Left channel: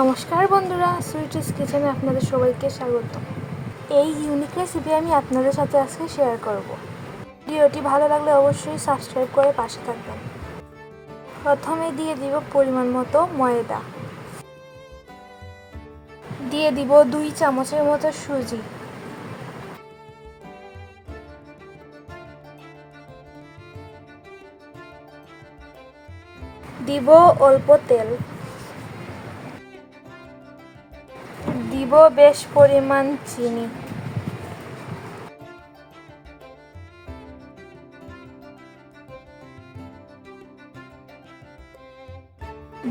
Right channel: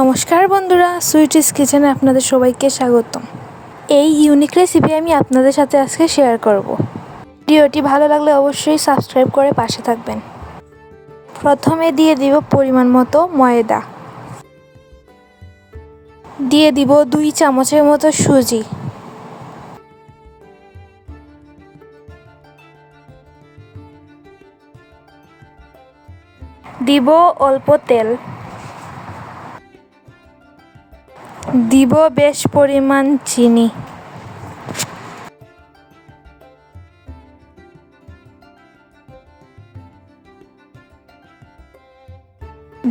নমস্কার বন্ধুরা, সুইটিস কিচেনে আপনাদের সবাইকে স্বাগতম। এই ইউনিক রেসিপি আমি আপনাদের সাথে আজকে শেয়ার করব। ভিডিওটি ভালো লাগলে অবশ্যই সাবস্ক্রাইব করে পাশে থাকবেন। প্রথমে দিয়ে দিব পরিমাণ মতো ময়দা, দিয়ে দিব 2 চামচের মতো সুজি, দিব অল্প তেল, দিব বেশ পরিমাণ চিনি,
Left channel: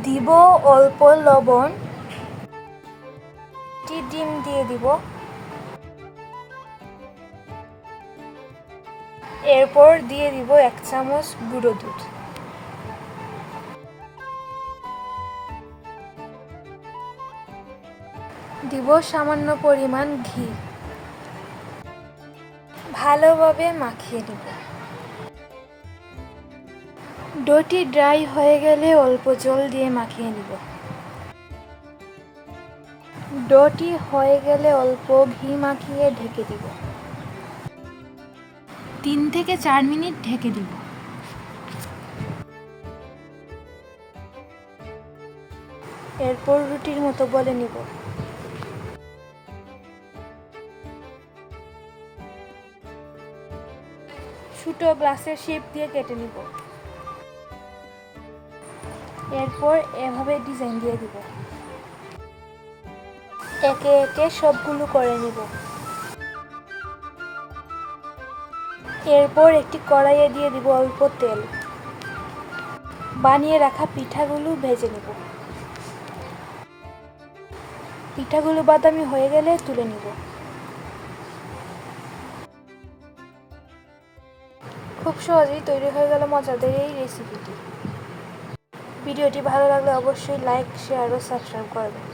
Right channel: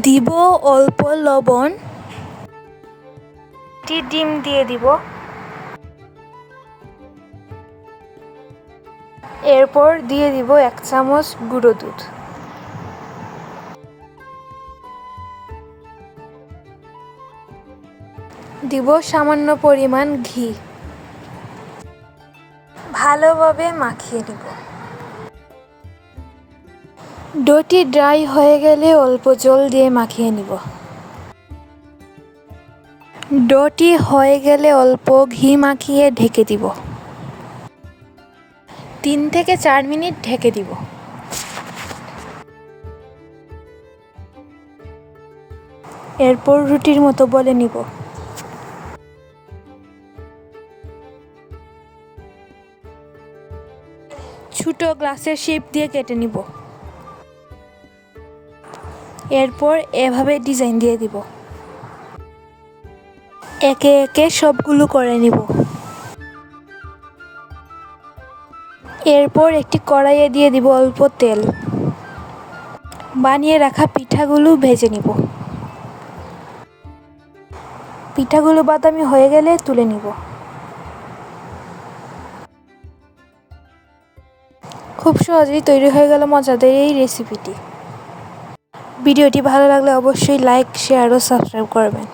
দিব অল্প লবণ, ডিম দিয়ে দিব, এরপর দিয়ে দিব 1 চামচ গুঁড়ো দুধ, দিব সামান্য পরিমাণ ঘি, ভালোভাবে মাখিয়ে নিব। ডোটি ড্রাই হয়ে গেলে অল্প জল দিয়ে মাখিয়ে নিব। ডোটি হয়ে গেলে অল্প ঘি মাখিয়ে ঢেকে দিব। 3 থেকে 4 মিনিট ঢেকে দিব। এরপর রুটির মতো বলে নিব। ছোট গ্লাসের শেপ দিয়ে কেটে নিব। এরপর এভাবে ডিজাইন দিয়ে দিব। একে একে সবগুলো করে নিব। এরপর একটি কড়াইয়ে দিয়ে দিব অল্প তেল। বানিয়ে রাখা পিঠাগুলো ভেজে নিব। পিঠাগুলো বাদামি হয়ে গেলে তুলে নিব। খুব সহজেই তৈরি হয়ে গেল মজাদার এই রেসিপিটি। ভিডিওটি ভালো লাগলে অবশ্যই লাইক, শেয়ার ও সাবস্ক্রাইব করবেন।